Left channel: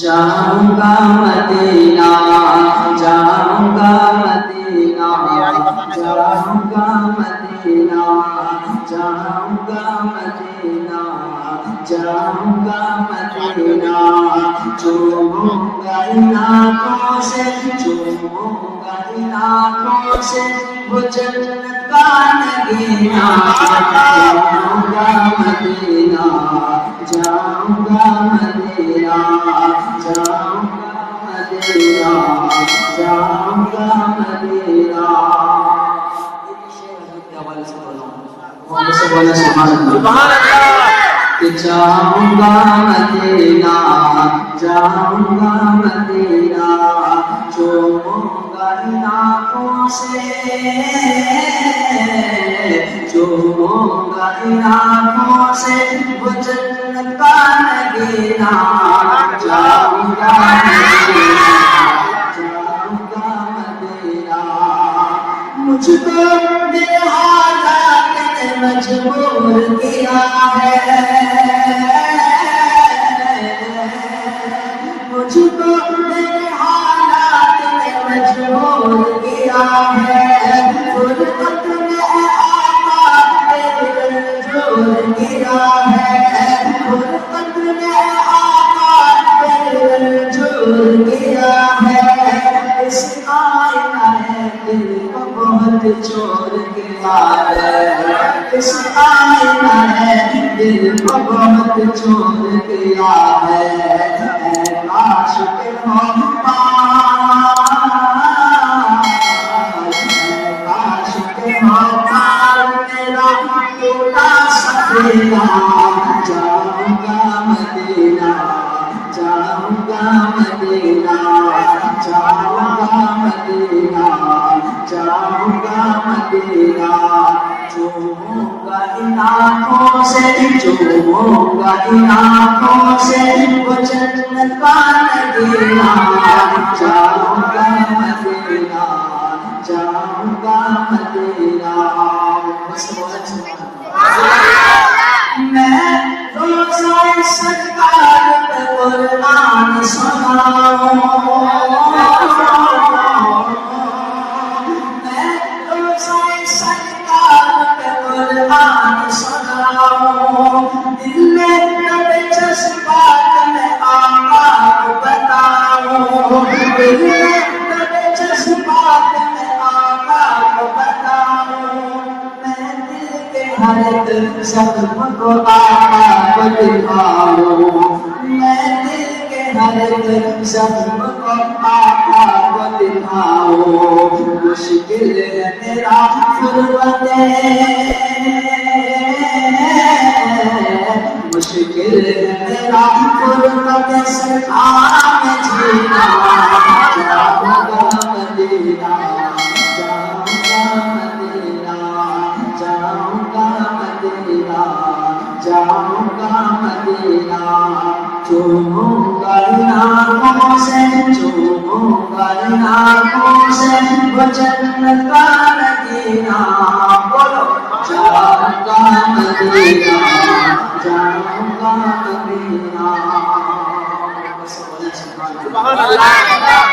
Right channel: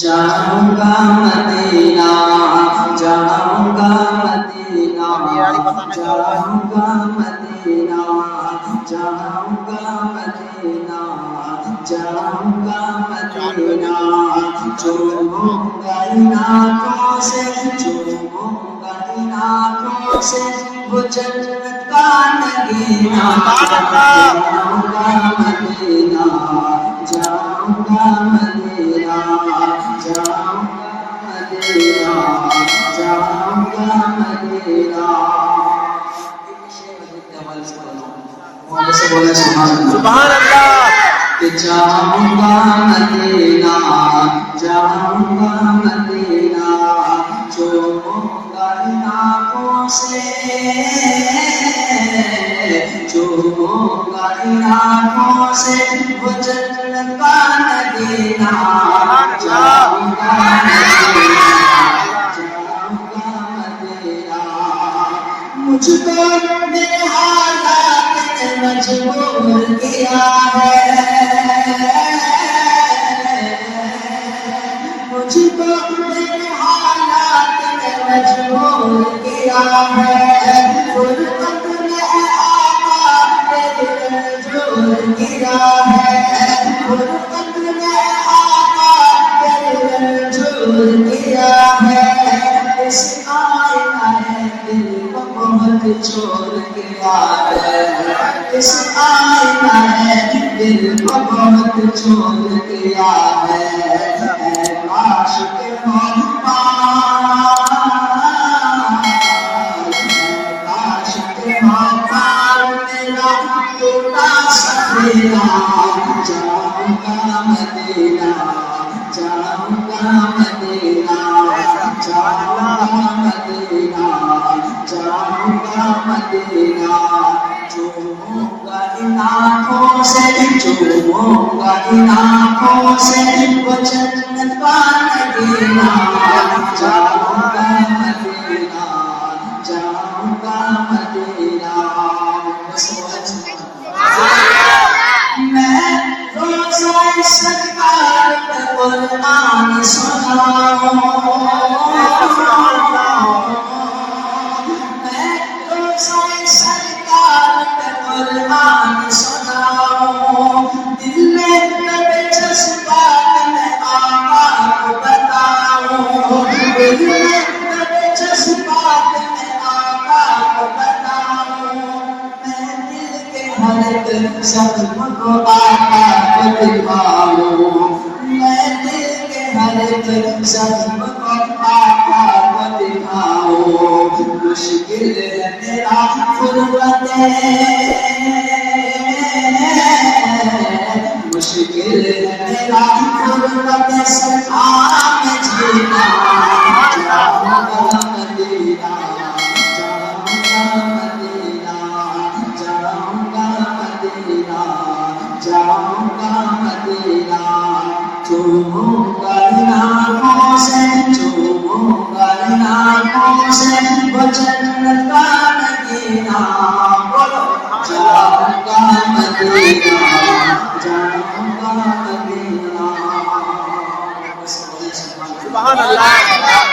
جاؤں گا مدینہ، جاؤں گا مدینہ، جاؤں گا مدینہ، جاؤں گا مدینہ، جاؤں گا مدینہ، چوموں گا ان آنکھوں سے، چوموں گا ان آنکھوں سے وہ جنت کا نگینہ، جاؤں گا مدینہ، جاؤں گا مدینہ، جاؤں گا مدینہ، جاؤں گا مدینہ۔ بولے سبحان اللہ، کہ جاؤں گا مدینہ، جاؤں گا مدینہ، چوموں گا ان آنکھوں سے، چوموں گا ان آنکھوں سے وہ جنت کا نگینہ، جاؤں گا مدینہ، جاؤں گا مدینہ۔ مجھ کو میرے حالات نے مجبور کیا ہے، مجھ کو میرے حالات نے مجبور کیا ہے، غربت نے آقا میرے رنجور کیا ہے، غربت نے آقا میرے رنجور کیا ہے، اس آئینہ دل کو بہت چھوڑ گیا ہے، اس آئینہ دل کو بہت چھوڑ گیا ہے، اے عاشق محتاج، اے عاشق محتاج میرا ٹوٹا سفینہ، جاؤں گا مدینہ، جاؤں گا مدینہ، جاؤں گا مدینہ، جاؤں گا مدینہ، چوموں گا ان آنکھوں سے، چوموں گا ان آنکھوں سے وہ جنت کا نگینہ، جاؤں گا مدینہ، جاؤں گا مدینہ۔ میں روزہ سرکار پہ قرآن سناؤں، میں روزہ سرکار پہ قرآن سناؤں، دل میں لبے جذبات میں آقا کو بتاؤں، دل میں لبے جذبات میں آقا کو بتاؤں، میں دل کے ہر ایک زخم کو آقا کو دکھاؤں، میں دل کے ہر ایک زخم کو آقا کو دکھاؤں، مشکل ہے میرا فرقت، مشکل ہے میرا فرقت سرکار میں جینا، جاؤں گا مدینہ، جاؤں گا مدینہ، جاؤں گا مدینہ، جاؤں گا مدینہ، چوموں گا ان آنکھوں سے، چوموں گا ان آنکھوں سے وہ جنت کا نگینہ، بولو جاؤں گا مدینہ، جاؤں گا مدینہ۔ سبحان اللہ۔